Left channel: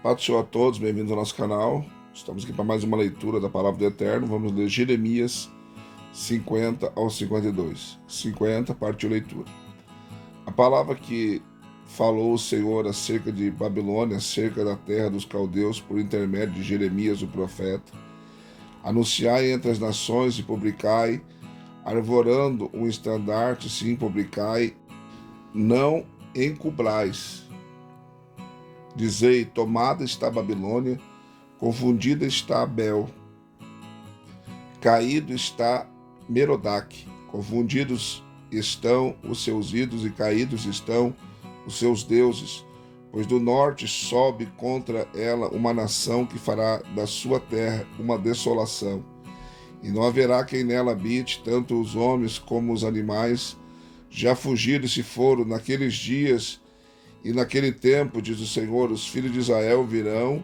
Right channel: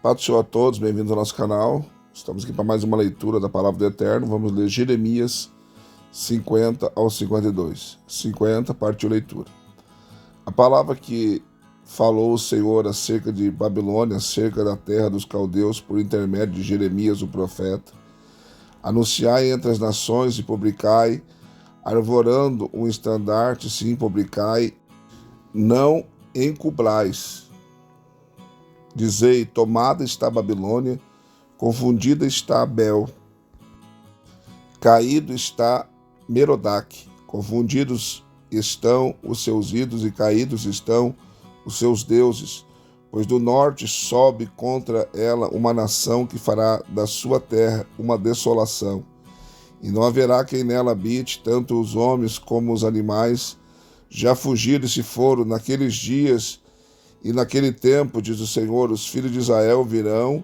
Paz do Senhor a todos, bem-vindos ao nosso canal. Estamos aqui para mais uma leitura da Palavra do Eterno. Vamos ler Jeremias 50 ao 52. 50, partiu leitura. A palavra que falou o Senhor acerca de Babilônia, acerca da terra dos caldeus, por intermédio de Jeremias, o profeta. Anunciai entre as nações e publicai, arvorando um estandarte, sim, publicai, não encubrais. Dizei, tomada está a Babilônia, confundida está Abel, caído está Merodach, confundidos estão os seus ídolos e caídos estão os seus deuses, pois do norte sobe contra ela uma nação que fará da sua terra uma desolação, e não haverá quem nela habite, tanto os homens como os animais, já fugiram e se foram naqueles dias. E naquele tempo, diz o Senhor, os filhos de Israel virão,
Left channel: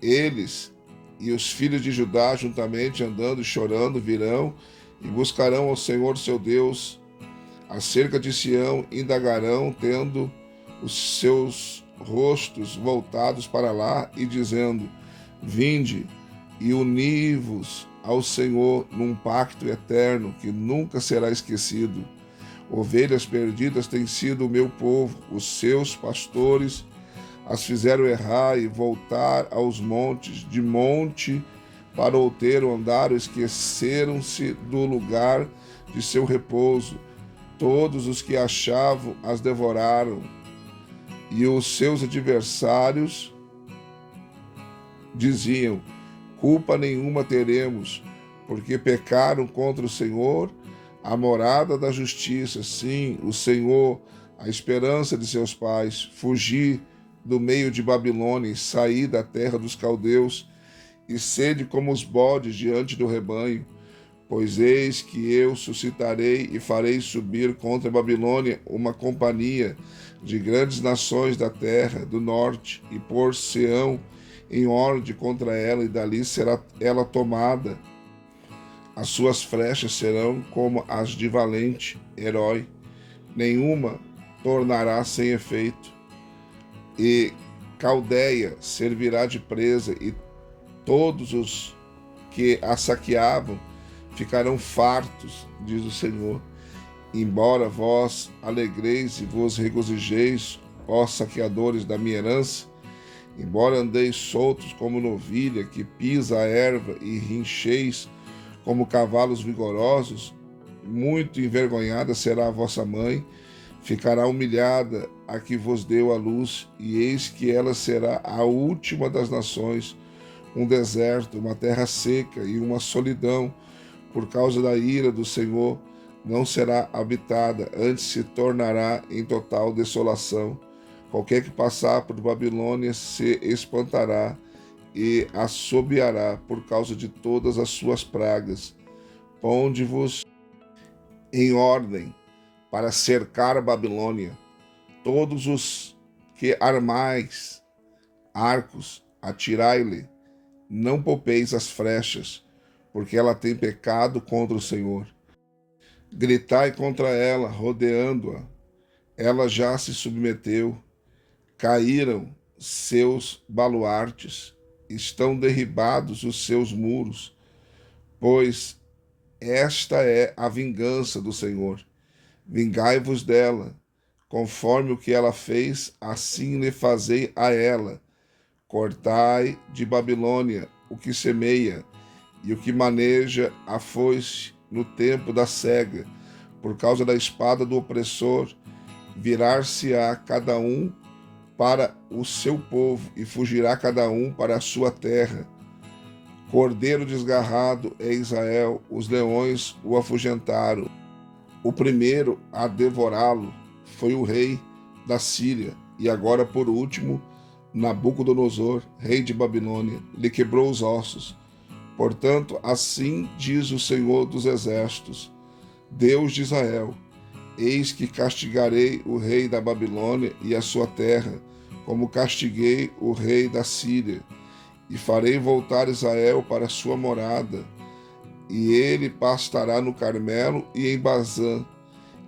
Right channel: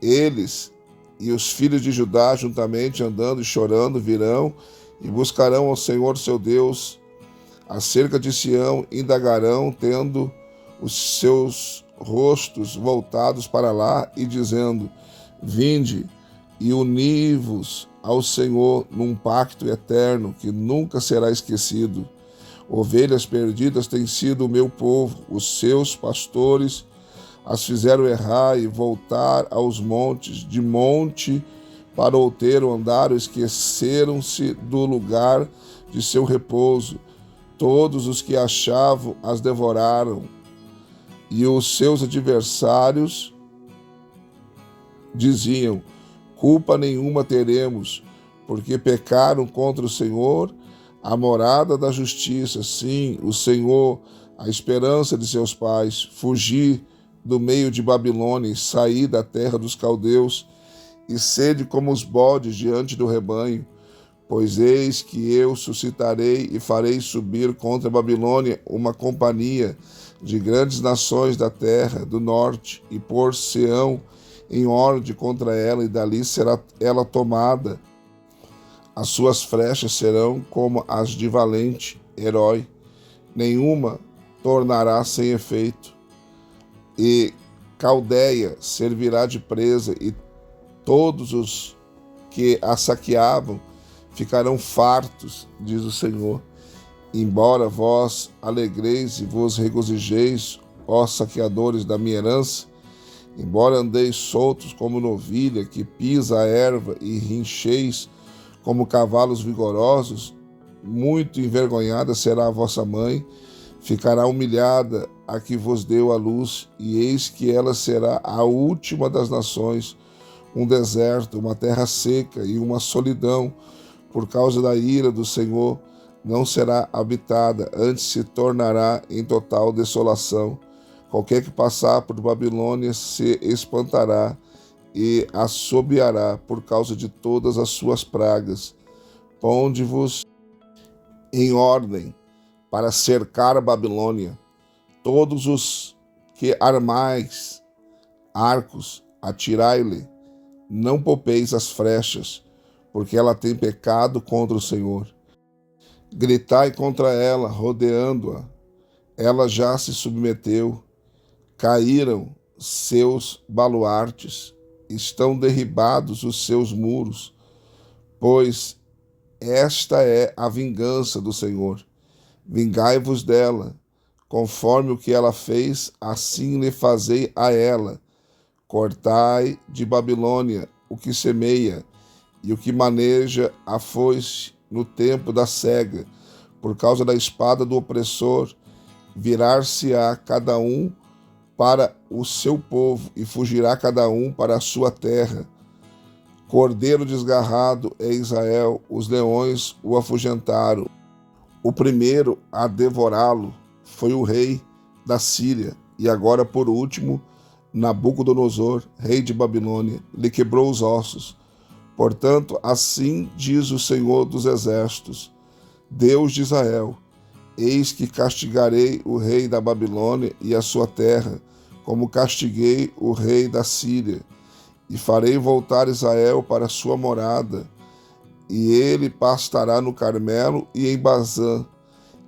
eles e os filhos de Judá juntamente andando e chorando virão e buscarão ao Senhor seu Deus. Acerca de Sião indagarão, tendo os seus rostos voltados para lá e dizendo, vinde e uni-vos ao Senhor num pacto eterno que nunca será esquecido. Ovelhas perdidas têm sido o meu povo, os seus pastores as fizeram errar e voltar aos montes, de monte para outeiro andaram, esqueceram-se do lugar de seu repouso. Todos os que achavam as devoraram, e os seus adversários diziam, culpa nenhuma teremos, porque pecaram contra o Senhor, a morada da justiça, sim, o Senhor, a esperança de seus pais, fugir do meio de Babilônia, sair da terra dos caldeus, e sede como os bodes diante do rebanho, pois eis que eu suscitarei e farei subir contra a Babilônia uma companhia de grandes nações da terra do norte, e pôr Sião em ordem contra ela, e dali será ela tomada. As suas flechas serão como as de valente herói, nenhuma tornará sem efeito. E Caldeia servirá de presa, e todos os que a saqueavam ficarão fartos, diz o Senhor. Embora vós alegreis e vos regozijeis, ó saqueadores da minha herança, embora andeis soltos como novilha que pisa a erva e rincheis como cavalos vigorosos, muito envergonhada será a vossa mãe, ficará humilhada a que vos deu a luz, e eis que ela será a última das nações, um deserto, uma terra seca e uma solidão, por causa da ira do Senhor, não será habitada, antes se tornará em total desolação. Qualquer que passar por Babilônia se espantará, e assobiará por causa de todas as suas pragas. Ponde-vos em ordem para cercar a Babilônia. Todos os que armais arcos, atirai-lhe, não poupeis as flechas, porque ela tem pecado contra o Senhor. Gritai contra ela, rodeando-a. Ela já se submeteu. Caíram seus baluartes, estão derribados os seus muros, pois esta é a vingança do Senhor. Vingai-vos dela, conforme o que ela fez, assim lhe fazei a ela. Cortai de Babilônia o que semeia, e o que maneja a foice no tempo da cega, por causa da espada do opressor, virar-se-á cada um para o seu povo, e fugirá cada um para a sua terra. Cordeiro desgarrado é Israel, os leões o afugentaram. O primeiro a devorá-lo foi o rei da Síria, e agora, por último, Nabucodonosor, rei de Babilônia, lhe quebrou os ossos. Portanto, assim diz o Senhor dos Exércitos, Deus de Israel, eis que castigarei o rei da Babilônia e a sua terra, como castiguei o rei da Síria, e farei voltar Israel para a sua morada, e ele pastará no Carmelo e em Bazã,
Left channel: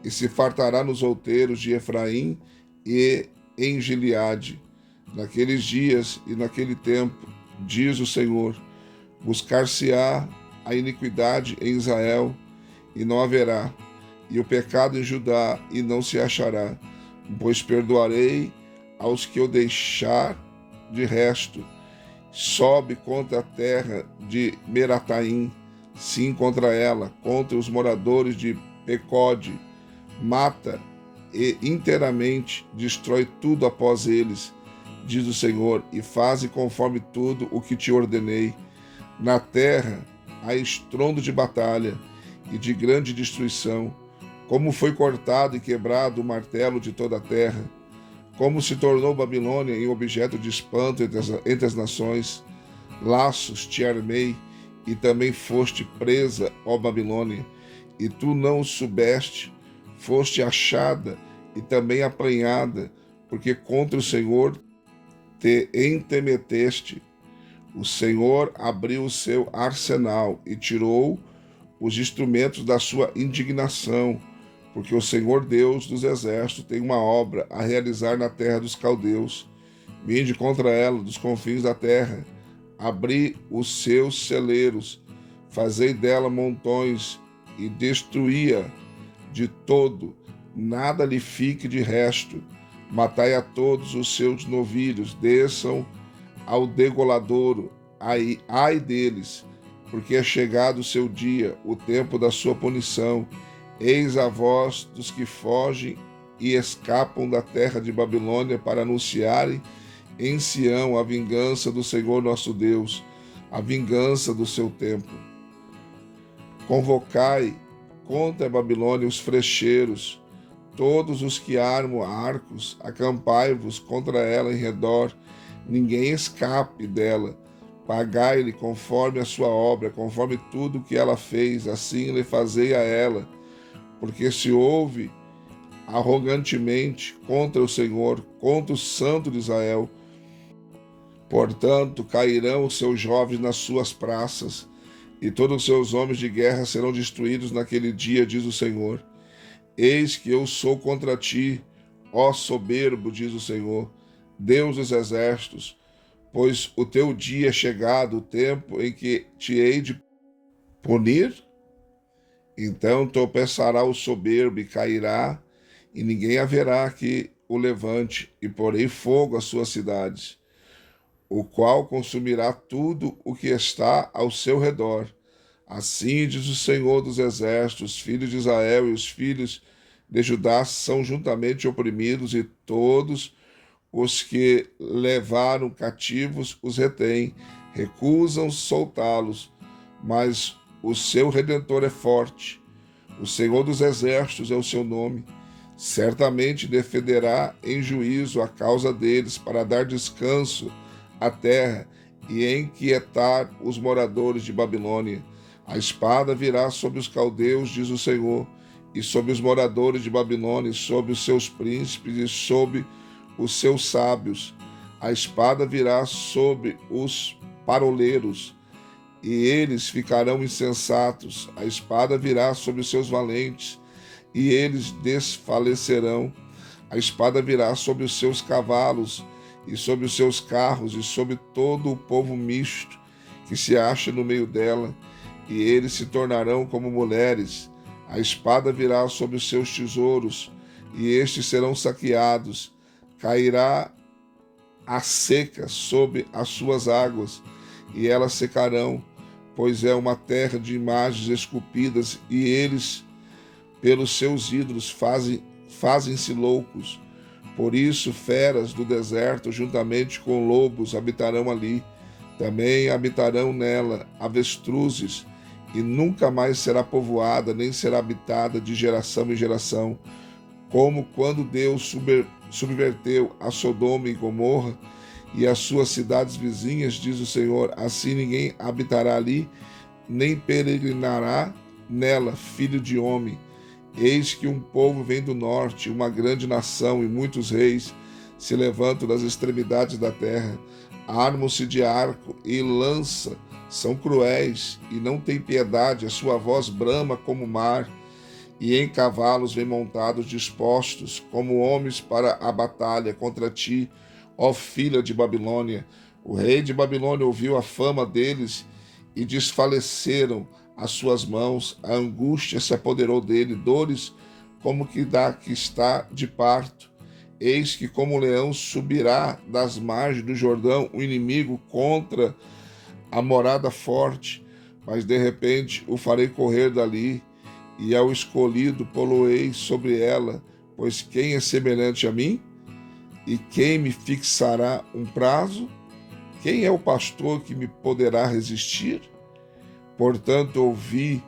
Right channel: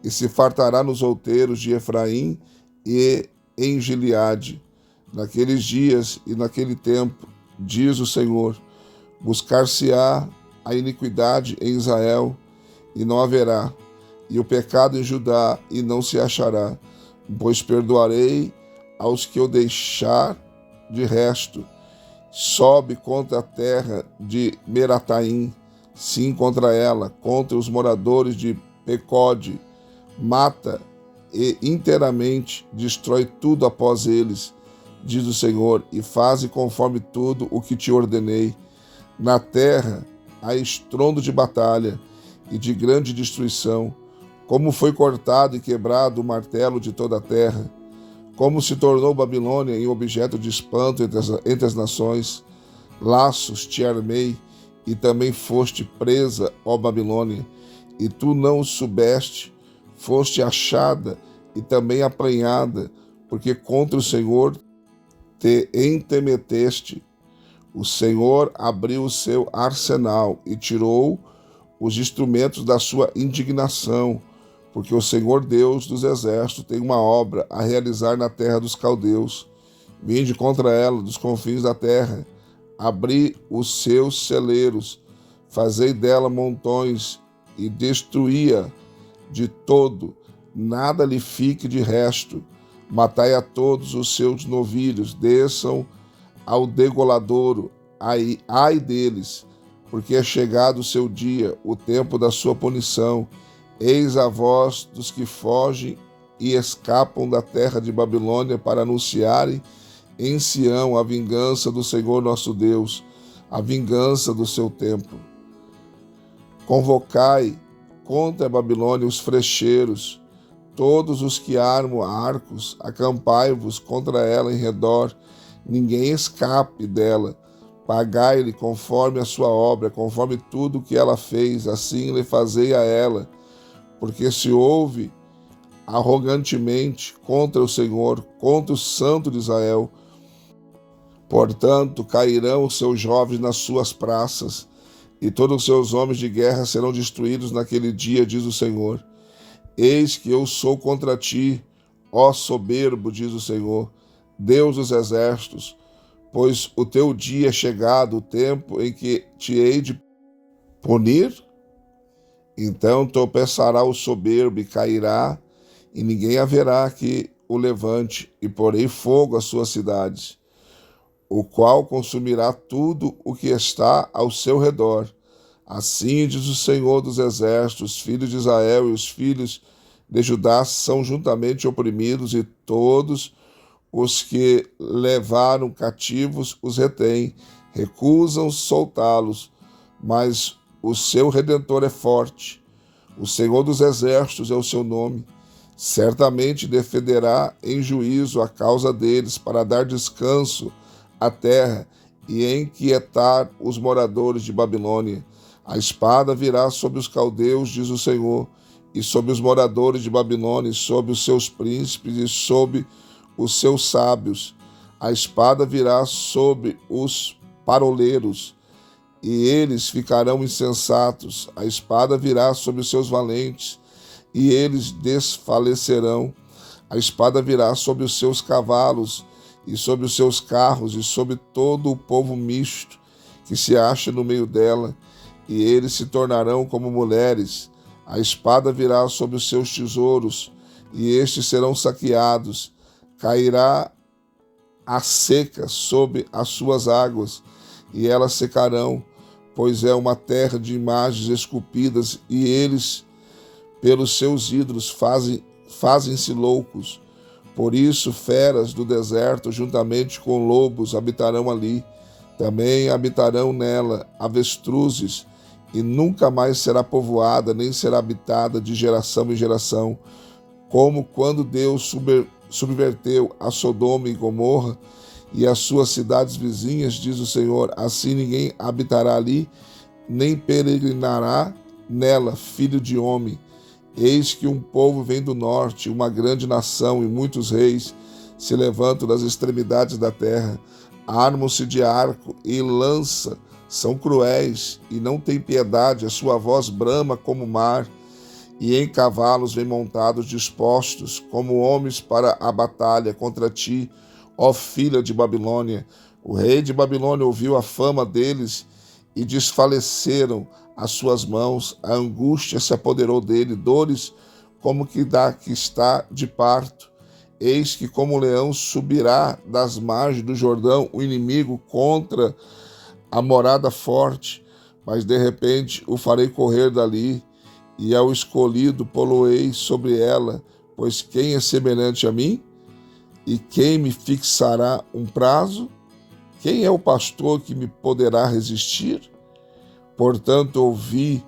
e se fartará nos outeiros de Efraim e em Gileade. Naqueles dias e naquele tempo, diz o Senhor, buscar-se-á a iniquidade em Israel, e não haverá, e o pecado em Judá, e não se achará, pois perdoarei aos que eu deixar de resto. Sobe contra a terra de Merataim, sim, contra ela, contra os moradores de Pecode, mata e inteiramente destrói tudo após eles, diz o Senhor, e faze conforme tudo o que te ordenei. Na terra há estrondo de batalha e de grande destruição, como foi cortado e quebrado o martelo de toda a terra, como se tornou Babilônia em objeto de espanto entre as nações. Laços te armei, e também foste presa, ó Babilônia, e tu não o soubeste, foste achada e também apanhada, porque contra o Senhor te entremeteste. O Senhor abriu o seu arsenal e tirou os instrumentos da sua indignação, porque o Senhor Deus dos exércitos tem uma obra a realizar na terra dos caldeus. Vinde contra ela dos confins da terra, abri os seus celeiros, fazei dela montões e destruí-a de todo, nada lhe fique de resto. Matai a todos os seus novilhos, desçam ao degoladouro, ai deles, porque é chegado o seu dia, o tempo da sua punição. Eis a voz dos que fogem e escapam da terra de Babilônia para anunciarem em Sião a vingança do Senhor nosso Deus, a vingança do seu tempo. Convocai contra a Babilônia os frecheiros, todos os que armam arcos, acampai-vos contra ela em redor, ninguém escape dela. Pagai-lhe conforme a sua obra, conforme tudo que ela fez, assim lhe fazei a ela, porque se ouve arrogantemente contra o Senhor, contra o Santo de Israel. Portanto, cairão os seus jovens nas suas praças, e todos os seus homens de guerra serão destruídos naquele dia, diz o Senhor. Eis que eu sou contra ti, ó soberbo, diz o Senhor, Deus dos exércitos, pois o teu dia é chegado, o tempo em que te hei de punir. Então tropeçará o soberbo e cairá, e ninguém haverá que o levante, e porei fogo às suas cidades, o qual consumirá tudo o que está ao seu redor. Assim diz o Senhor dos exércitos, os filhos de Israel e os filhos de Judá são juntamente oprimidos, e todos os que levaram cativos os retêm, recusam soltá-los, mas o seu Redentor é forte. O Senhor dos exércitos é o seu nome. Certamente defenderá em juízo a causa deles, para dar descanso à terra e inquietar os moradores de Babilônia. A espada virá sobre os caldeus, diz o Senhor, e sobre os moradores de Babilônia, e sobre os seus príncipes e sobre os seus sábios. A espada virá sobre os paroleiros, e eles ficarão insensatos. A espada virá sobre os seus valentes, e eles desfalecerão. A espada virá sobre os seus cavalos, e sobre os seus carros, e sobre todo o povo misto que se acha no meio dela, e eles se tornarão como mulheres. A espada virá sobre os seus tesouros, e estes serão saqueados. Cairá a seca sobre as suas águas, e elas secarão, pois é uma terra de imagens esculpidas, e eles, pelos seus ídolos, fazem-se loucos. Por isso, feras do deserto, juntamente com lobos, habitarão ali. Também habitarão nela avestruzes, e nunca mais será povoada, nem será habitada de geração em geração, como quando Deus subverteu a Sodoma e Gomorra e as suas cidades vizinhas, diz o Senhor. Assim ninguém habitará ali, nem peregrinará nela, filho de homem. Eis que um povo vem do norte, uma grande nação, e muitos reis se levantam das extremidades da terra. Armam-se de arco e lança, são cruéis e não têm piedade. A sua voz brama como o mar, e em cavalos vêm montados dispostos como homens para a batalha contra ti, ó filha de Babilônia. O rei de Babilônia ouviu a fama deles e desfaleceram as suas mãos. A angústia se apoderou dele, dores como que está de parto. Eis que como um leão subirá das margens do Jordão o inimigo contra a morada forte, mas de repente o farei correr dali, e ao escolhido poloei sobre ela, pois quem é semelhante a mim? E quem me fixará um prazo? Quem é o pastor que me poderá resistir? Portanto, ouvi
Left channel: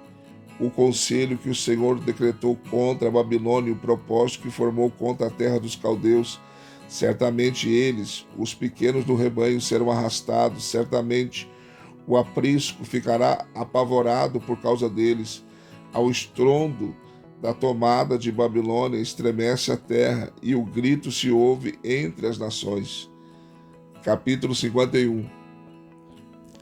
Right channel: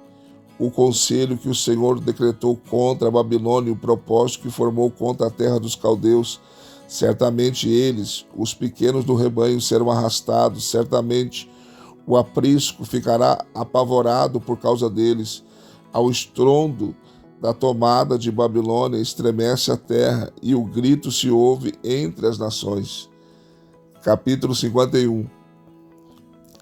o conselho que o Senhor decretou contra a Babilônia e o propósito que formou contra a terra dos caldeus. Certamente eles, os pequenos do rebanho, serão arrastados, certamente o aprisco ficará apavorado por causa deles. Ao estrondo da tomada de Babilônia estremece a terra, e o grito se ouve entre as nações. Capítulo 51.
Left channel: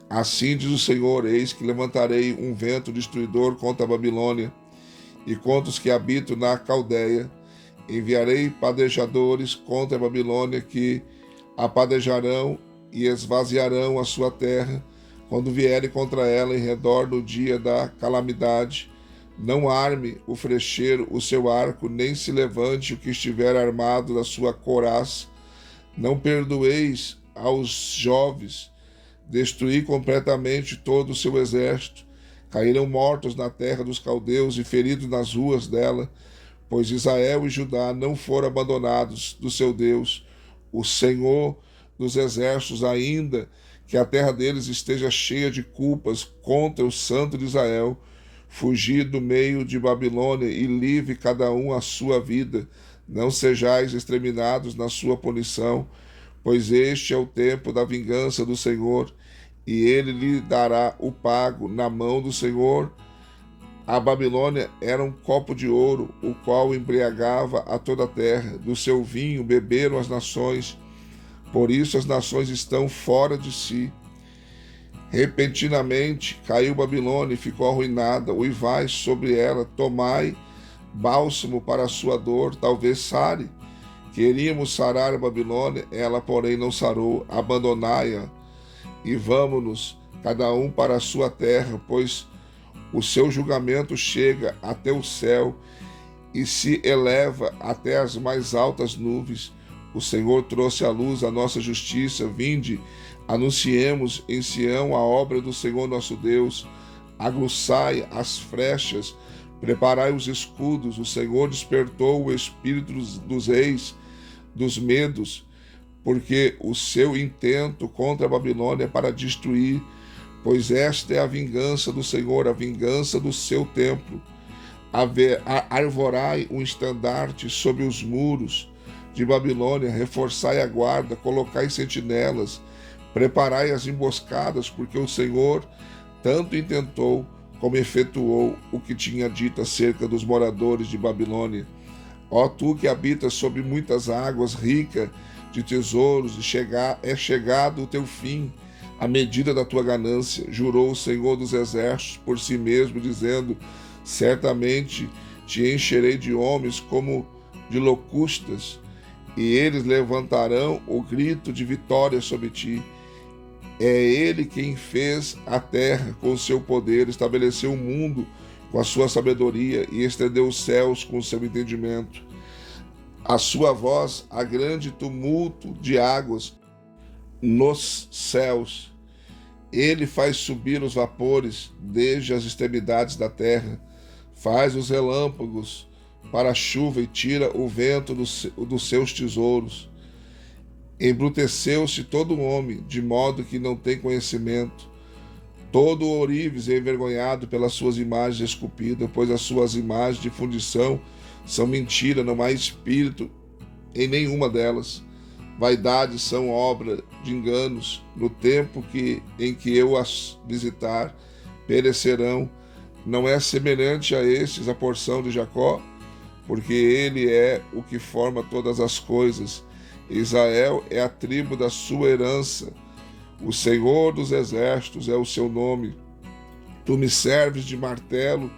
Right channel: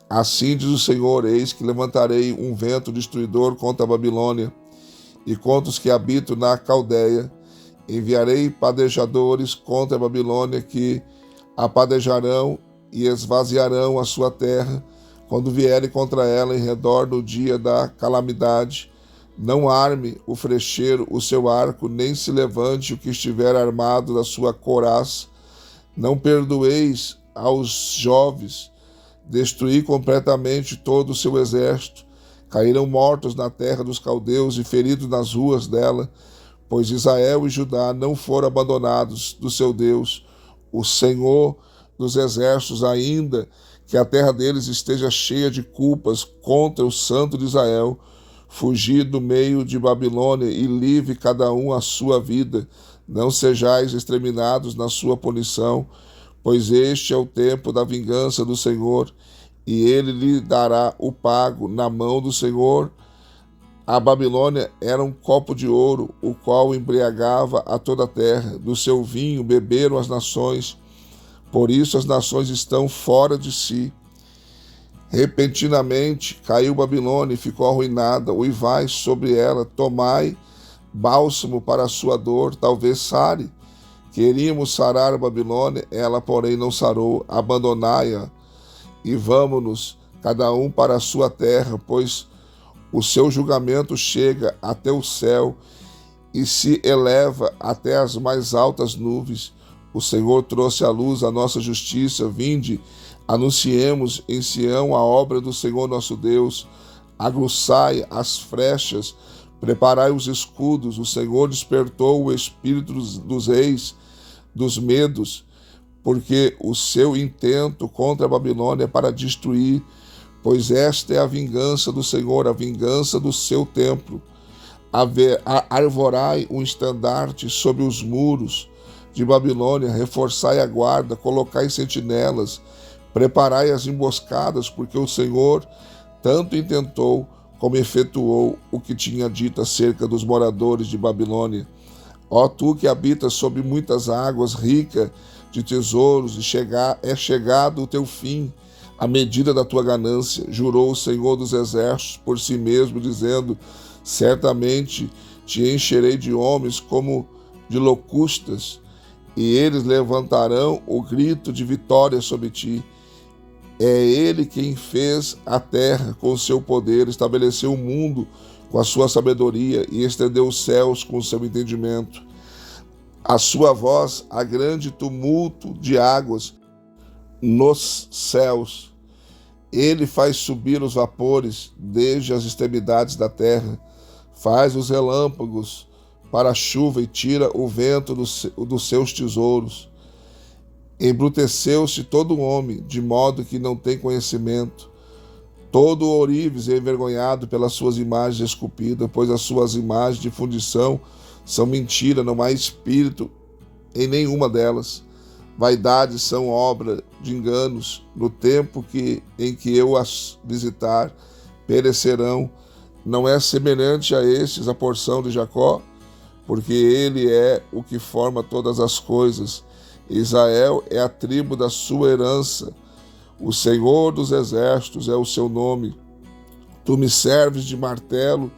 Assim diz o Senhor: eis que levantarei um vento destruidor contra a Babilônia e contra os que habitam na Caldeia. Enviarei padejadores contra a Babilônia, que apadejarão e esvaziarão a sua terra quando vierem contra ela em redor no dia da calamidade. Não arme o frecheiro o seu arco, nem se levante o que estiver armado da sua couraça. Não perdoeis aos jovens, destruí completamente todo o seu exército. Caíram mortos na terra dos caldeus e feridos nas ruas dela, pois Israel e Judá não foram abandonados do seu Deus, o Senhor dos exércitos, ainda que a terra deles esteja cheia de culpas contra o Santo de Israel. Fugi do meio de Babilônia e livre cada um a sua vida. Não sejais exterminados na sua punição, pois este é o tempo da vingança do Senhor, e ele lhe dará o pago na mão do Senhor. A Babilônia era um copo de ouro, o qual embriagava a toda a terra. Do seu vinho beberam as nações, por isso as nações estão fora de si. Repentinamente caiu Babilônia e ficou arruinada. Uivai sobre ela, tomai bálsamo para a sua dor, talvez sare. Queríamos sarar a Babilônia, ela porém não sarou. Abandonai-a e vamo-nos, cada um para a sua terra, pois o seu julgamento chega até o céu e se eleva até as mais altas nuvens. O Senhor trouxe à luz a nossa justiça. Vinde, anunciemos em Sião a obra do Senhor nosso Deus. Aguçai as flechas, preparai os escudos. O Senhor despertou o espírito dos reis, dos medos, porque o seu intento contra a Babilônia é para destruir, pois esta é a vingança do Senhor, a vingança do seu templo. Arvorai um estandarte sobre os muros de Babilônia, reforçai a guarda, colocai sentinelas, preparai as emboscadas, porque o Senhor tanto intentou como efetuou o que tinha dito acerca dos moradores de Babilônia. Ó tu que habitas sobre muitas águas, rica de tesouros, é chegado o teu fim, a medida da tua ganância, jurou o Senhor dos exércitos por si mesmo, dizendo: certamente te encherei de homens como de locustas, e eles levantarão o grito de vitória sobre ti. É ele quem fez a terra com o seu poder, estabeleceu o mundo com a sua sabedoria e estendeu os céus com o seu entendimento. A sua voz, há grande tumulto de águas nos céus. Ele faz subir os vapores desde as extremidades da terra, faz os relâmpagos para a chuva e tira o vento dos seus tesouros. Embruteceu-se todo homem, de modo que não tem conhecimento. Todo ourives é envergonhado pelas suas imagens esculpidas, pois as suas imagens de fundição são mentira, não há espírito em nenhuma delas. Vaidades são obra de enganos. No tempo em que eu as visitar, perecerão. Não é semelhante a estes a porção de Jacó, porque ele é o que forma todas as coisas. Israel é a tribo da sua herança. O Senhor dos exércitos é o seu nome. Tu me serves de martelo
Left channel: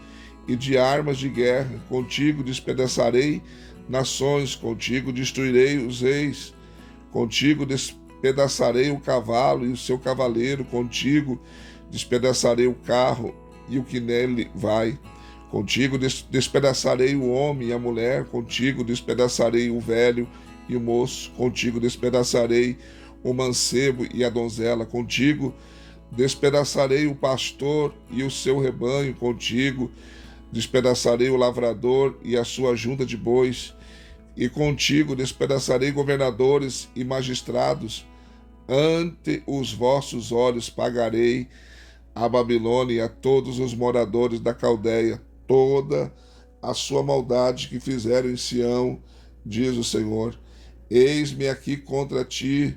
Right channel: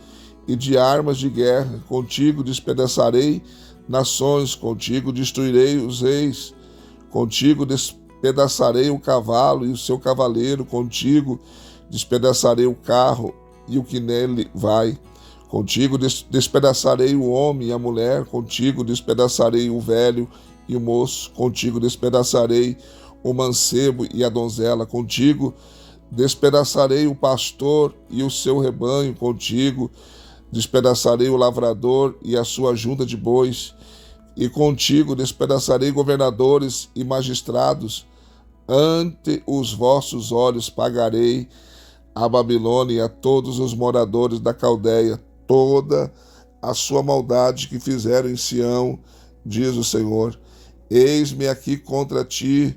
e de armas de guerra. Contigo despedaçarei nações, contigo destruirei os reis. contigo despedaçarei o cavalo e o seu cavaleiro, contigo despedaçarei o carro e o que nele vai. Contigo despedaçarei o homem e a mulher, contigo despedaçarei o velho e o moço, contigo despedaçarei o mancebo e a donzela, contigo despedaçarei o pastor e o seu rebanho, contigo despedaçarei o lavrador e a sua junta de bois, e contigo despedaçarei governadores e magistrados. Ante os vossos olhos pagarei a Babilônia e a todos os moradores da Caldeia toda a sua maldade que fizeram em Sião, diz o Senhor. Eis-me aqui contra ti,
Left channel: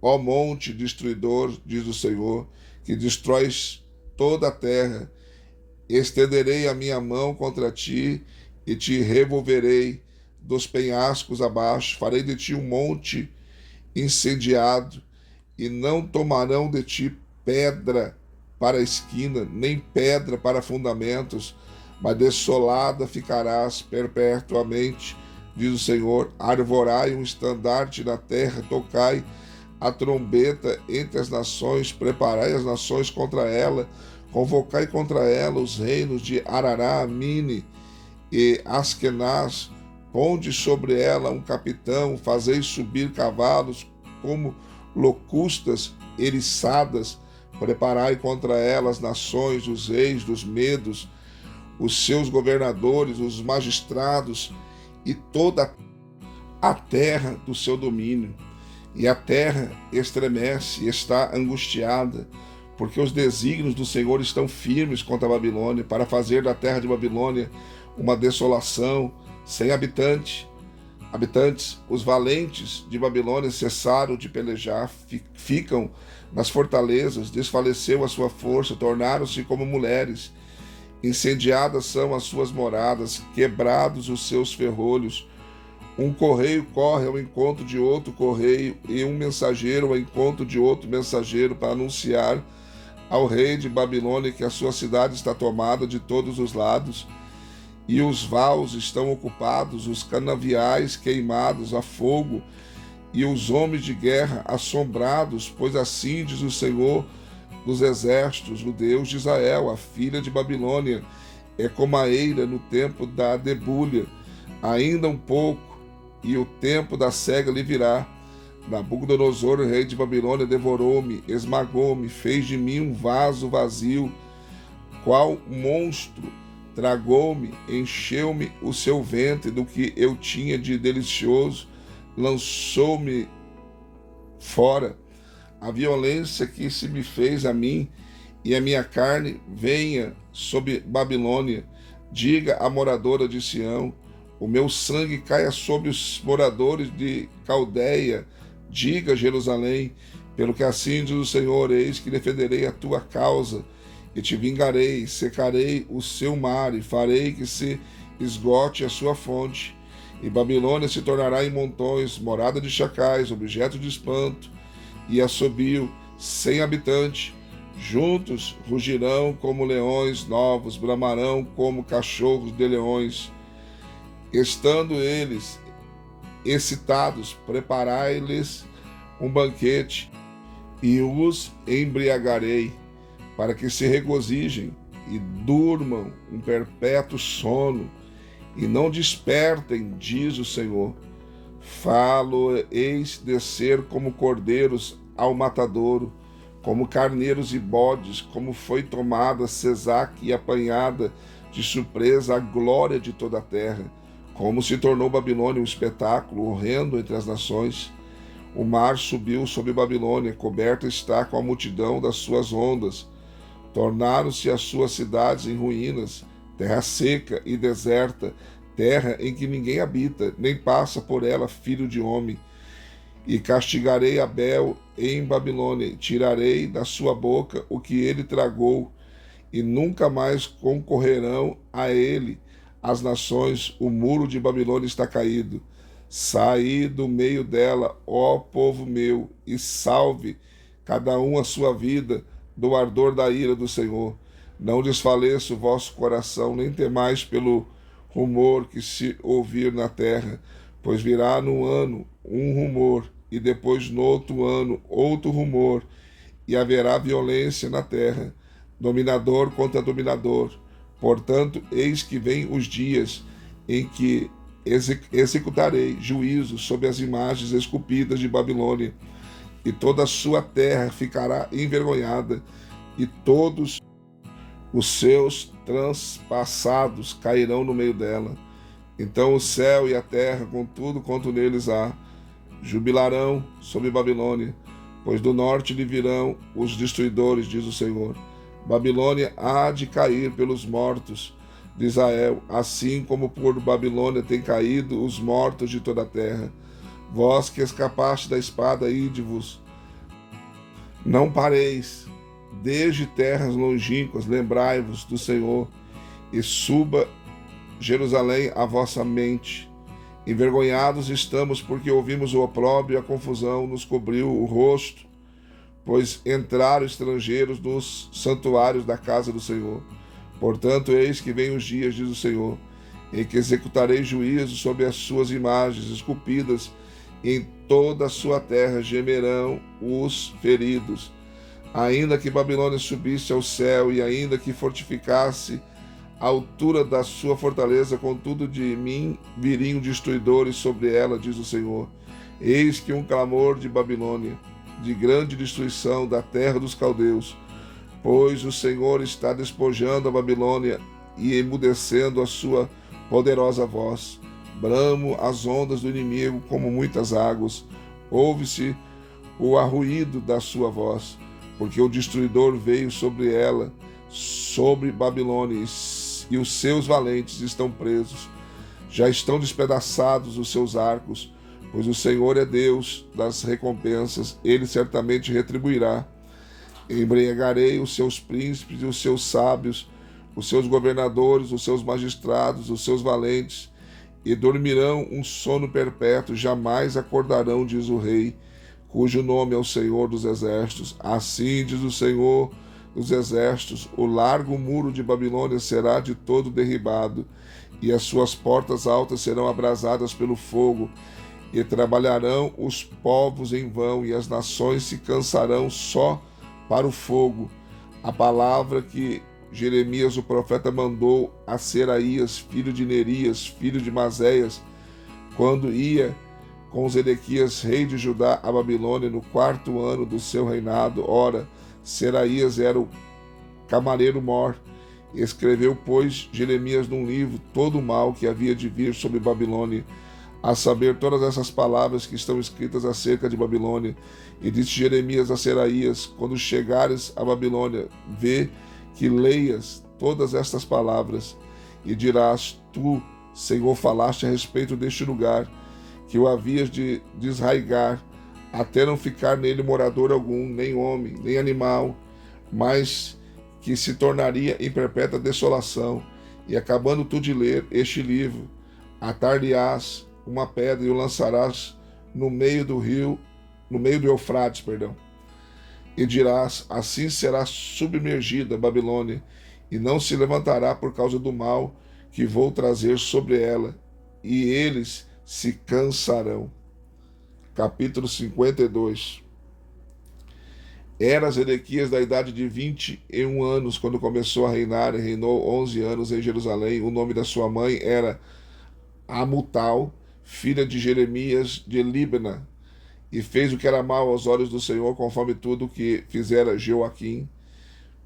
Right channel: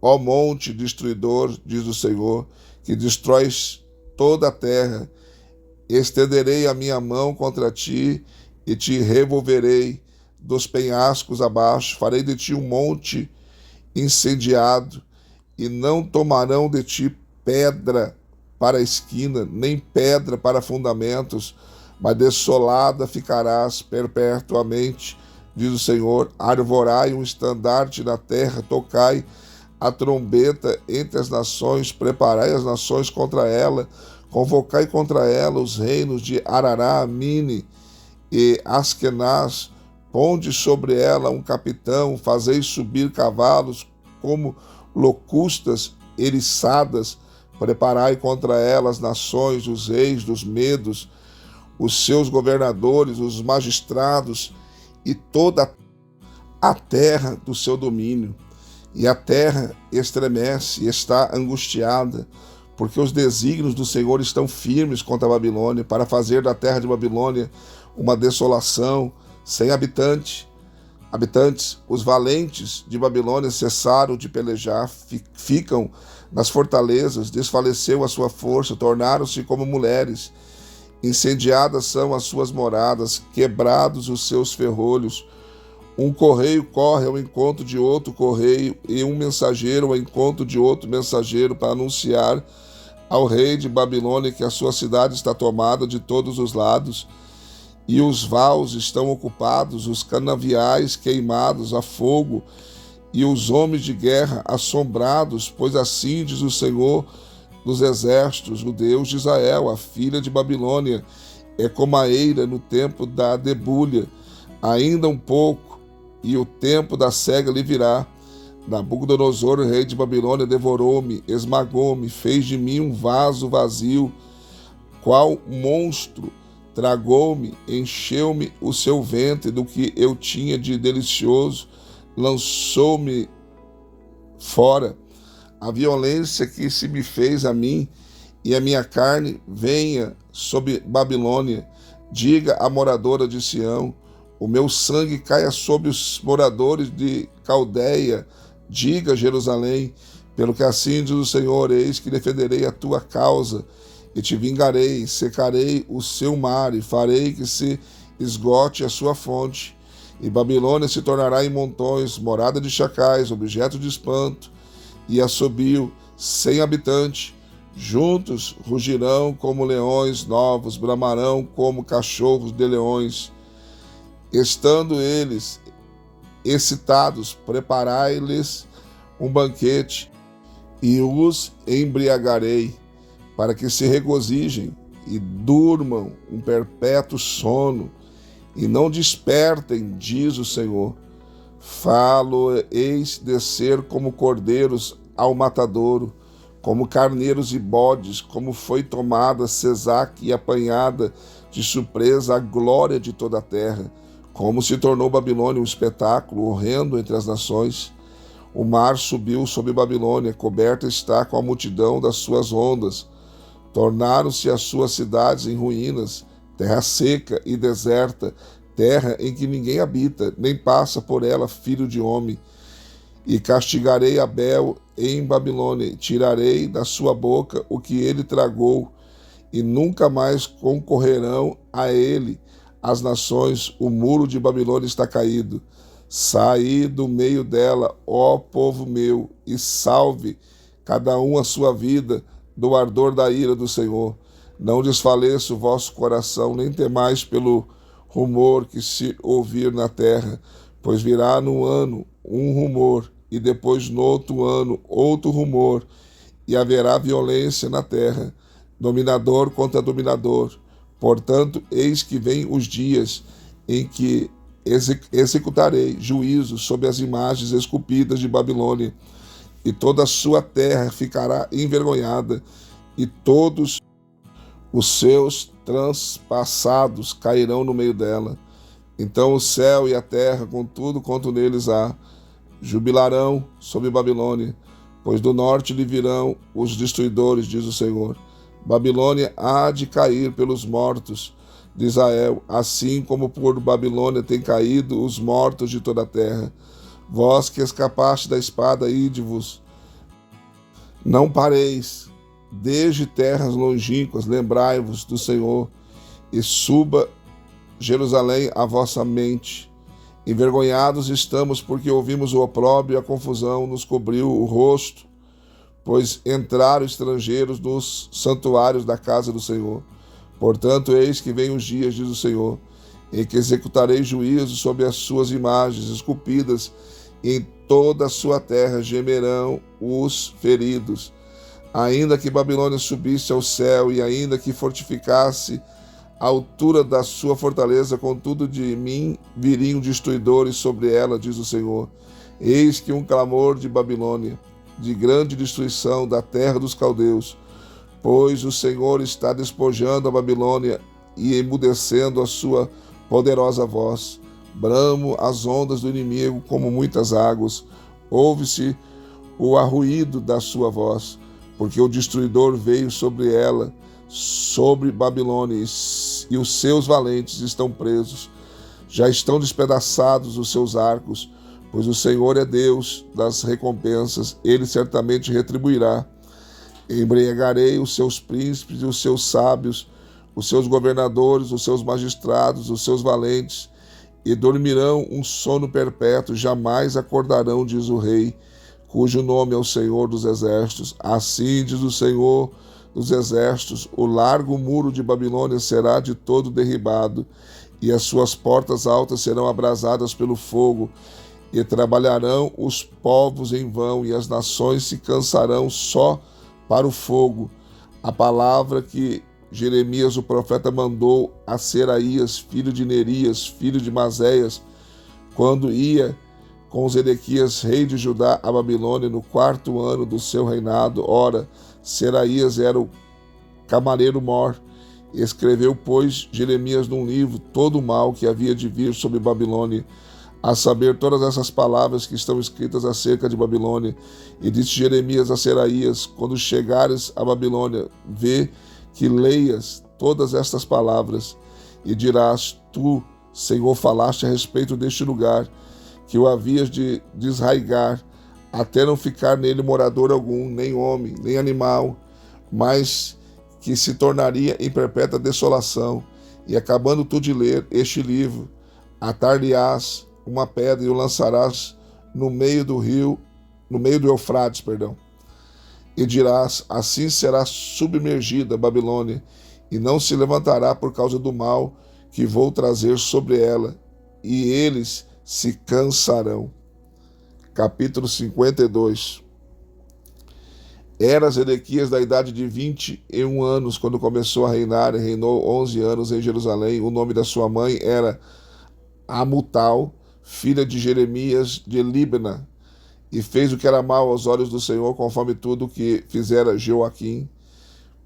ó monte destruidor, diz o Senhor, que destróis toda a terra. Estenderei a minha mão contra ti e te revolverei dos penhascos abaixo. Farei de ti um monte incendiado, e não tomarão de ti pedra para a esquina, nem pedra para fundamentos, mas desolada ficarás perpetuamente, diz o Senhor. Arvorai um estandarte na terra, tocai a trombeta entre as nações, preparai as nações contra ela, convocai contra ela os reinos de Arará, Mine e Askenaz, ponde sobre ela um capitão, fazei subir cavalos como locustas eriçadas, preparai contra ela as nações, os reis dos medos, os seus governadores, os magistrados e toda a terra do seu domínio. E a terra estremece e está angustiada, porque os desígnios do Senhor estão firmes contra a Babilônia, para fazer da terra de Babilônia uma desolação, sem habitantes. Os valentes de Babilônia cessaram de pelejar, ficam nas fortalezas, desfaleceu a sua força, tornaram-se como mulheres. Incendiadas são as suas moradas, quebrados os seus ferrolhos. Um correio corre ao encontro de outro correio, e um mensageiro ao encontro de outro mensageiro, para anunciar ao rei de Babilônia que a sua cidade está tomada de todos os lados, e os vaus estão ocupados, os canaviais queimados a fogo, e os homens de guerra assombrados, pois assim diz o Senhor dos exércitos, o Deus de Israel: a filha de Babilônia é como a eira no tempo da debulha, ainda um pouco, e o tempo da cega lhe virá. Nabucodonosor, rei de Babilônia, devorou-me, esmagou-me, fez de mim um vaso vazio, qual monstro, tragou-me, encheu-me o seu ventre do que eu tinha de delicioso, lançou-me fora. A violência que se me fez a mim e a minha carne venha sobre Babilônia. Diga à moradora de Sião: o meu sangue caia sobre os moradores de Caldeia. Diga a Jerusalém: pelo que assim diz o Senhor, eis que defenderei a tua causa, e te vingarei, secarei o seu mar, e farei que se esgote a sua fonte. E Babilônia se tornará em montões, morada de chacais, objeto de espanto, e assobio, sem habitante. Juntos rugirão como leões novos, bramarão como cachorros de leões. Estando eles excitados, preparai-lhes um banquete, e os embriagarei, para que se regozijem e durmam um perpétuo sono, e não despertem, diz o Senhor. Falo-eis descer como cordeiros ao matadouro, como carneiros e bodes, como foi tomada Sesac e apanhada de surpresa a glória de toda a terra, como se tornou Babilônia um espetáculo horrendo entre as nações. O mar subiu sobre Babilônia, coberta está com a multidão das suas ondas. Tornaram-se as suas cidades em ruínas, terra seca e deserta, terra em que ninguém habita, nem passa por ela filho de homem. E castigarei Abel em Babilônia, tirarei da sua boca o que ele tragou, e nunca mais concorrerão a ele as nações. O muro de Babilônia está caído. Saí do meio dela, ó povo meu, e salve cada um a sua vida do ardor da ira do Senhor. Não desfaleça o vosso coração, nem temais pelo rumor que se ouvir na terra, pois virá no ano um rumor, e depois no outro ano outro rumor, e haverá violência na terra, dominador contra dominador. Portanto, eis que vem os dias em que executarei juízo sobre as imagens esculpidas de Babilônia, e toda a sua terra ficará envergonhada, e todos os seus transpassados cairão no meio dela. Então o céu e a terra, com tudo quanto neles há, jubilarão sobre Babilônia, pois do norte lhe virão os destruidores, diz o Senhor. Babilônia há de cair pelos mortos de Israel, assim como por Babilônia têm caído os mortos de toda a terra. Vós que escapaste da espada, ide-vos. Não pareis, desde terras longínquas, lembrai-vos do Senhor, e suba Jerusalém a vossa mente. Envergonhados estamos, porque ouvimos o opróbrio e a confusão nos cobriu o rosto, pois entraram estrangeiros nos santuários da casa do Senhor. Portanto, eis que vem os dias, diz o Senhor, em que executarei juízo sobre as suas imagens esculpidas, e em toda a sua terra gemerão os feridos. Ainda que Babilônia subisse ao céu, e ainda que fortificasse a altura da sua fortaleza, contudo de mim viriam destruidores sobre ela, diz o Senhor. Eis que um clamor de Babilônia, de grande destruição da terra dos caldeus, pois o Senhor está despojando a Babilônia e emudecendo a sua poderosa voz. Bramo as ondas do inimigo como muitas águas, ouve-se o arruído da sua voz, porque o destruidor veio sobre ela, sobre Babilônia, e os seus valentes estão presos. Já estão despedaçados os seus arcos, pois o Senhor é Deus das recompensas, ele certamente retribuirá. Embriagarei os seus príncipes e os seus sábios, os seus governadores, os seus magistrados, os seus valentes, e dormirão um sono perpétuo, jamais acordarão, diz o rei, cujo nome é o Senhor dos Exércitos. Assim diz o Senhor dos Exércitos: o largo muro de Babilônia será de todo derribado, e as suas portas altas serão abrasadas pelo fogo, e trabalharão os povos em vão, e as nações se cansarão só para o fogo. A palavra que Jeremias o profeta mandou a Seraías, filho de Nerias, filho de Maséias, quando ia com Zedequias, rei de Judá, a Babilônia, no 4º ano do seu reinado. Ora, Seraías era o camareiro-mor. Escreveu, pois, Jeremias num livro todo o mal que havia de vir sobre Babilônia, a saber, todas essas palavras que estão escritas acerca de Babilônia. E disse Jeremias a Seraías: quando chegares a Babilônia, vê que leias todas estas palavras, e dirás: tu, Senhor, falaste a respeito deste lugar, que o havias de desraigar, até não ficar nele morador algum, nem homem, nem animal, mas que se tornaria em perpétua desolação. E acabando tu de ler este livro, atar-lhe-ás uma pedra e o lançarás no meio do Eufrates, e dirás: assim será submergida a Babilônia, e não se levantará por causa do mal que vou trazer sobre ela, e eles se cansarão. Capítulo 52. Era Zedequias da idade de 21 anos quando começou a reinar, e reinou 11 anos em Jerusalém. O nome da sua mãe era Amutal, filha de Jeremias de Libna, e fez o que era mal aos olhos do Senhor, conforme tudo o que fizera Joaquim.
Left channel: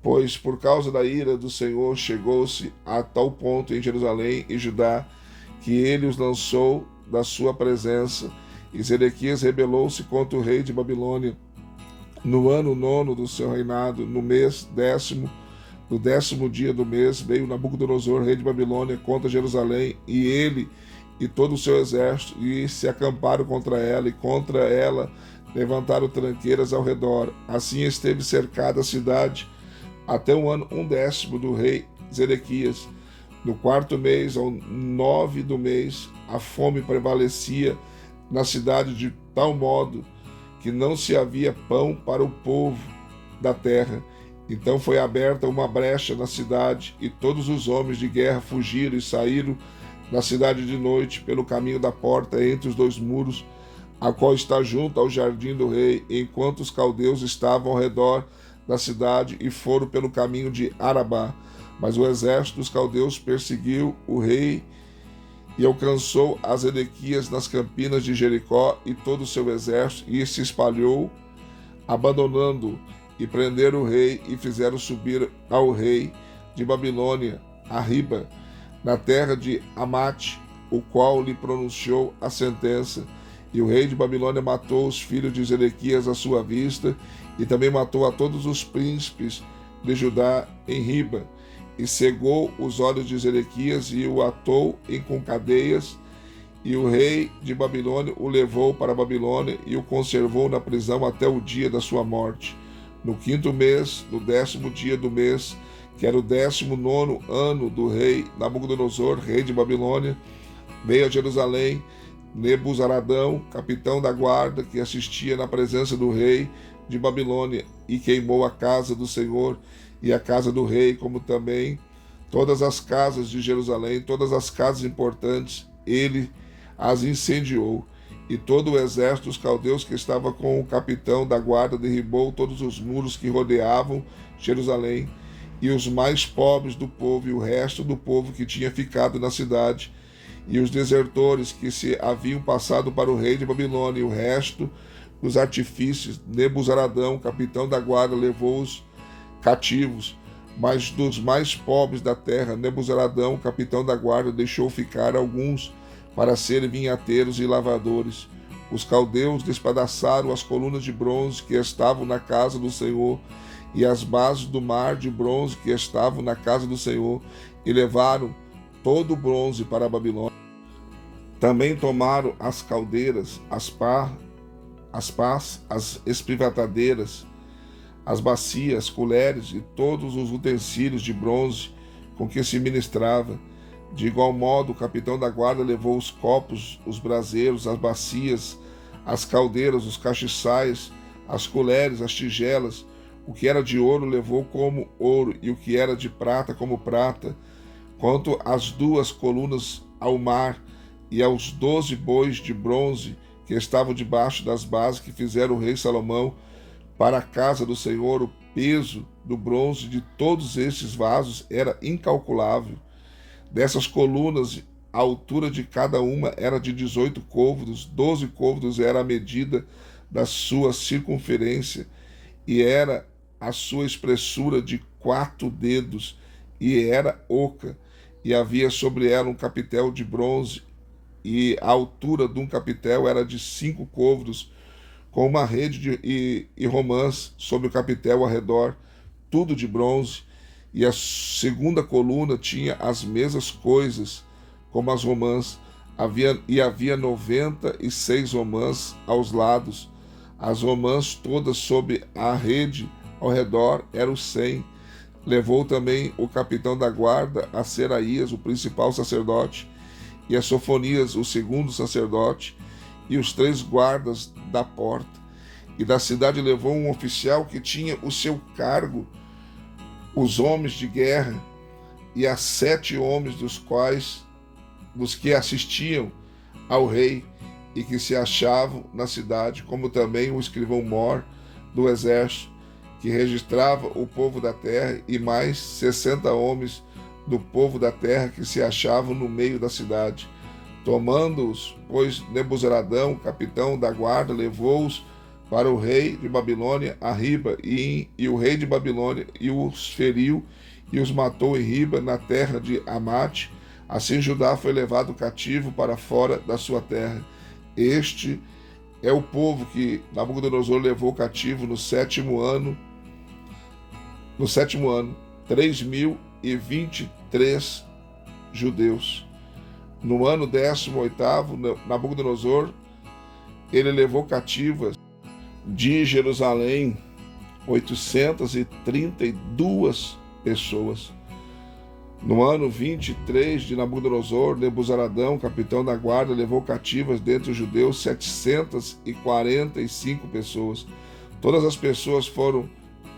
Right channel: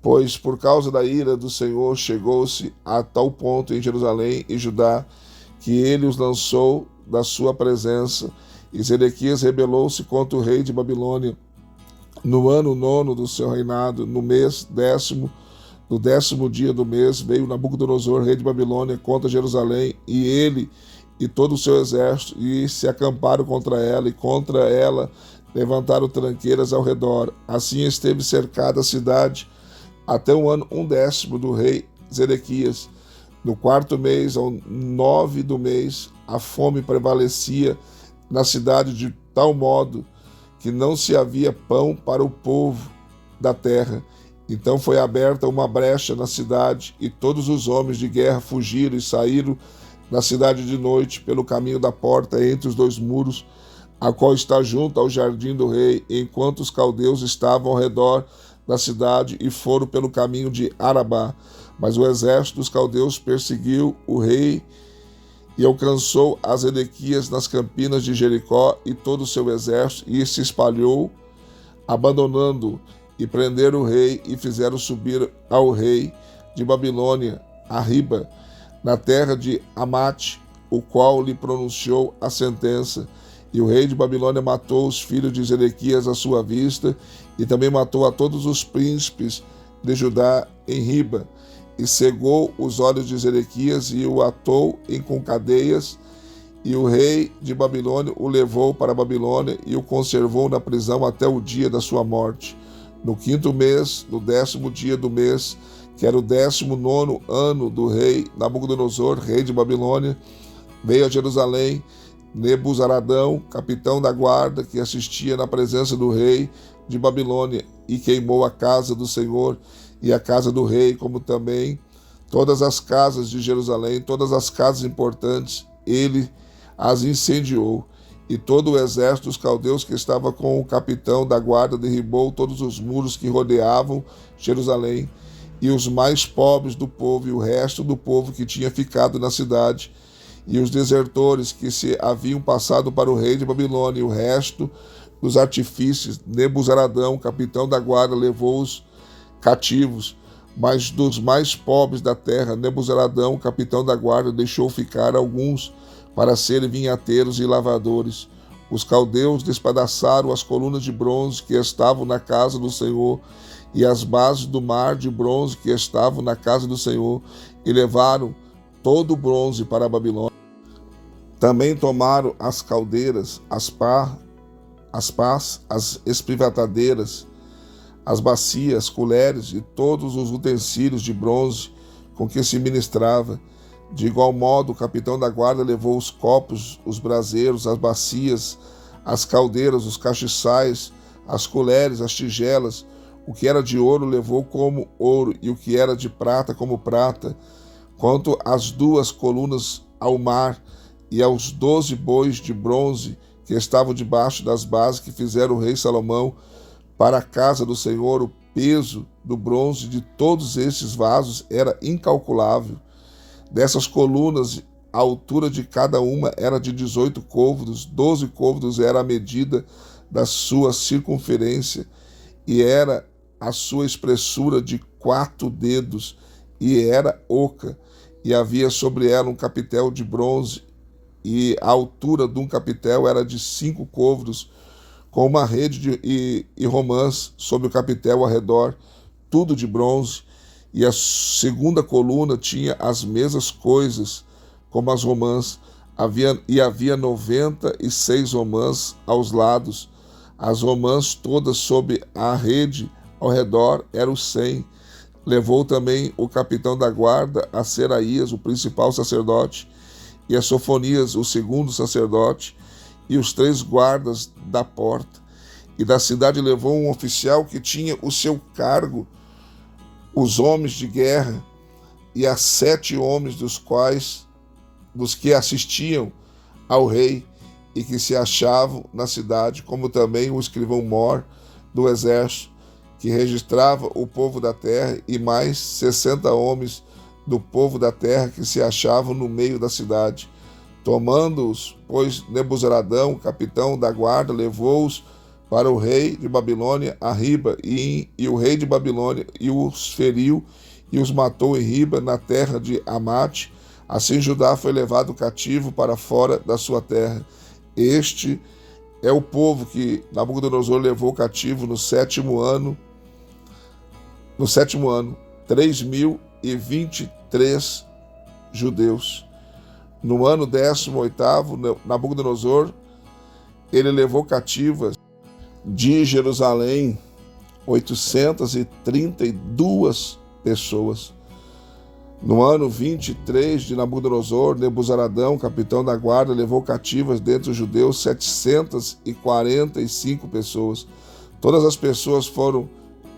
Pois por causa da ira do Senhor chegou-se a tal ponto em Jerusalém e Judá, que ele os lançou da sua presença. E Zedequias rebelou-se contra o rei de Babilônia. No ano 9º do seu reinado, no mês 10º, no 10º dia do mês, veio Nabucodonosor, rei de Babilônia, contra Jerusalém, e ele e todo o seu exército, e se acamparam contra ela, e contra ela levantaram tranqueiras ao redor. Assim esteve cercada a cidade até o ano 10º do rei Zedequias. No 4º mês, ao 9 do mês, a fome prevalecia na cidade de tal modo que não se havia pão para o povo da terra. Então foi aberta uma brecha na cidade, e todos os homens de guerra fugiram e saíram da cidade de noite pelo caminho da porta entre os dois muros, a qual está junto ao jardim do rei, enquanto os caldeus estavam ao redor da cidade e foram pelo caminho de Arabá. Mas o exército dos caldeus perseguiu o rei e alcançou as Edequias nas campinas de Jericó e todo o seu exército, e se espalhou, abandonando-o, e prenderam o rei e fizeram subir ao rei de Babilônia a Riba, na terra de Amate, o qual lhe pronunciou a sentença. E o rei de Babilônia matou os filhos de Zedequias à sua vista, e também matou a todos os príncipes de Judá em Riba, e cegou os olhos de Zedequias e o atou com cadeias, e o rei de Babilônia o levou para a Babilônia e o conservou na prisão até o dia da sua morte. No 5º mês, no 10º dia do mês, que era o 19º ano do rei Nabucodonosor, rei de Babilônia, veio a Jerusalém Nebuzaradão, capitão da guarda, que assistia na presença do rei de Babilônia, e queimou a casa do Senhor e a casa do rei, como também todas as casas de Jerusalém, todas as casas importantes, ele as incendiou. E todo o exército dos caldeus que estava com o capitão da guarda derribou todos os muros que rodeavam Jerusalém, e os mais pobres do povo e o resto do povo que tinha ficado na cidade, e os desertores que se haviam passado para o rei de Babilônia, e o resto dos artifícios, Nebuzaradão, capitão da guarda, levou-os cativos. Mas dos mais pobres da terra, Nebuzaradão, capitão da guarda, deixou ficar alguns para serem vinhateiros e lavradores. Os caldeus despedaçaram as colunas de bronze que estavam na casa do Senhor, e as bases do mar de bronze que estavam na casa do Senhor, e levaram todo o bronze para a Babilônia. Também tomaram as caldeiras, as pás, as espivatadeiras, as bacias, colheres e todos os utensílios de bronze com que se ministrava. De igual modo, o capitão da guarda levou os copos, os braseiros, as bacias, as caldeiras, os castiçais, as colheres, as tigelas. O que era de ouro levou como ouro, e o que era de prata como prata. Quanto às 2 colunas ao mar e aos 12 bois de bronze que estavam debaixo das bases que fizeram o rei Salomão para a casa do Senhor, o peso do bronze de todos esses vasos era incalculável. Dessas colunas, a altura de cada uma era de 18 côvados, 12 côvados era a medida da sua circunferência, e era a sua espessura de 4 dedos, e era oca, e havia sobre ela um capitel de bronze, e a altura de um capitel era de 5 côvados, com uma rede e romãs sobre o capitel ao redor, tudo de bronze. E a segunda coluna tinha as mesmas coisas, como as romãs, havia 96 romãs aos lados. As romãs todas sob a rede ao redor eram 100. Levou também o capitão da guarda a Seraías, o principal sacerdote, e a Sofonias, o segundo sacerdote, e os 3 guardas da porta. E da cidade levou um oficial que tinha o seu cargo os homens de guerra, e a 7 homens dos que assistiam ao rei e que se achavam na cidade, como também o escrivão-mor do exército, que registrava o povo da terra, e mais 60 homens do povo da terra que se achavam no meio da cidade. Tomando-os, pois, Nebuzaradão, capitão da guarda, levou-os para o rei de Babilônia a Riba, e o rei de Babilônia os feriu e os matou em Riba, na terra de Amate. Assim Judá foi levado cativo para fora da sua terra. Este é o povo que Nabucodonosor levou cativo no 7º ano, 3.023 judeus. No ano 18º, Nabucodonosor, ele levou cativas de Jerusalém 832 pessoas. No ano 23 de Nabucodonosor, Nebuzaradão, capitão da guarda, levou cativas dentre os judeus 745 pessoas. Todas as pessoas foram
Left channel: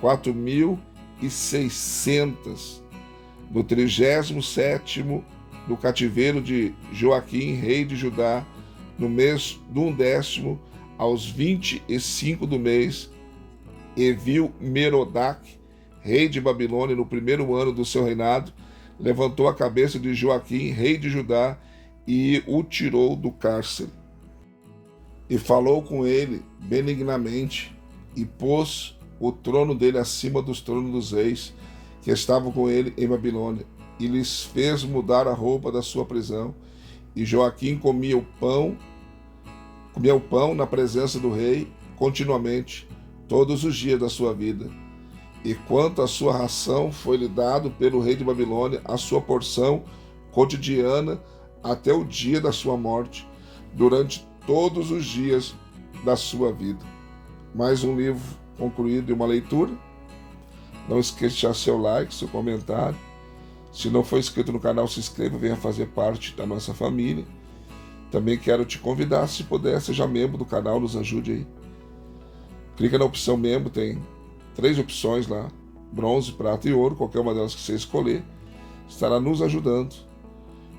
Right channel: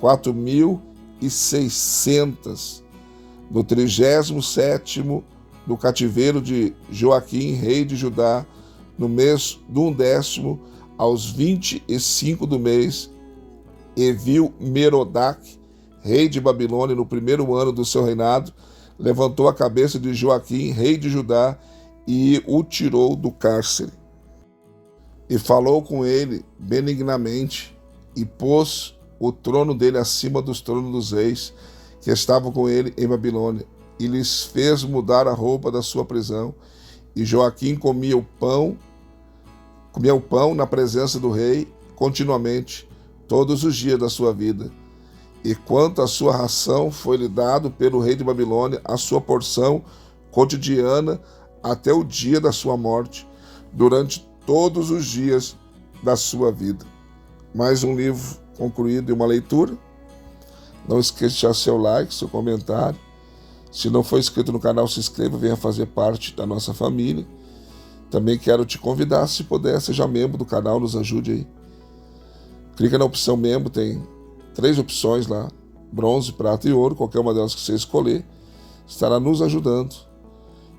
4.600. No 37º do cativeiro de Joaquim, rei de Judá, no mês do 10º, aos 25 do mês, Evil-Merodach, rei de Babilônia, no primeiro ano do seu reinado, levantou a cabeça de Joaquim, rei de Judá, e o tirou do cárcere. E falou com ele benignamente, e pôs o trono dele acima dos tronos dos reis que estavam com ele em Babilônia, e lhes fez mudar a roupa da sua prisão. E Joaquim comia o pão na presença do rei continuamente, todos os dias da sua vida. E quanto à sua ração, foi-lhe dado pelo rei de Babilônia a sua porção cotidiana até o dia da sua morte, durante todos os dias da sua vida. Mais um livro concluído e uma leitura. Não esqueça de deixar seu like, seu comentário. Se não for inscrito no canal, se inscreva, venha fazer parte da nossa família. Também quero te convidar, se puder, seja membro do canal, nos ajude aí. Clica na opção membro, tem 3 opções lá, bronze, prata e ouro, qualquer uma delas que você escolher, estará nos ajudando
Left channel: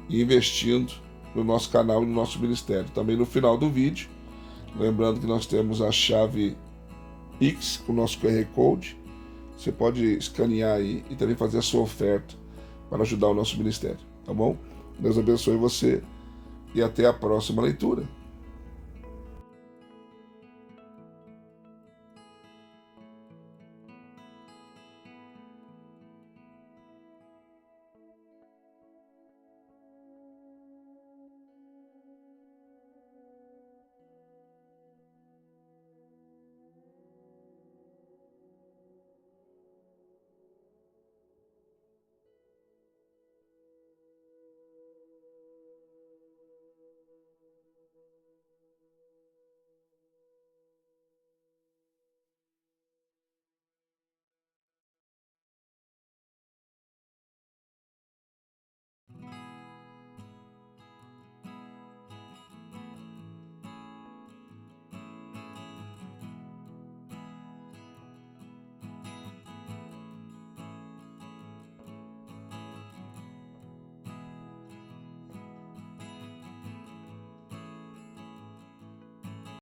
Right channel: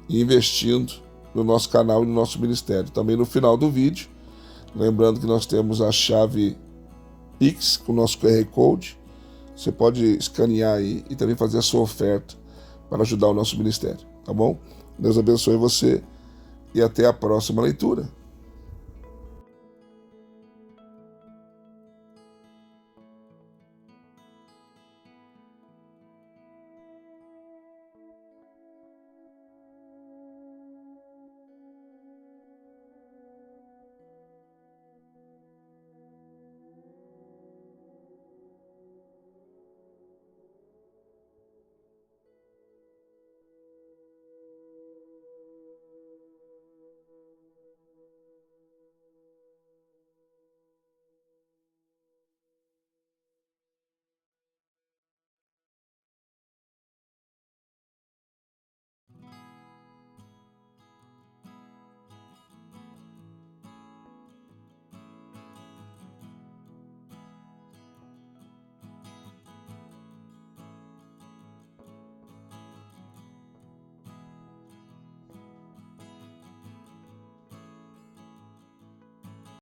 e investindo no nosso canal e no nosso ministério. Também no final do vídeo, lembrando que nós temos a chave Pix com o nosso QR Code, você pode escanear aí e também fazer a sua oferta para ajudar o nosso ministério, tá bom? Deus abençoe você e até a próxima leitura.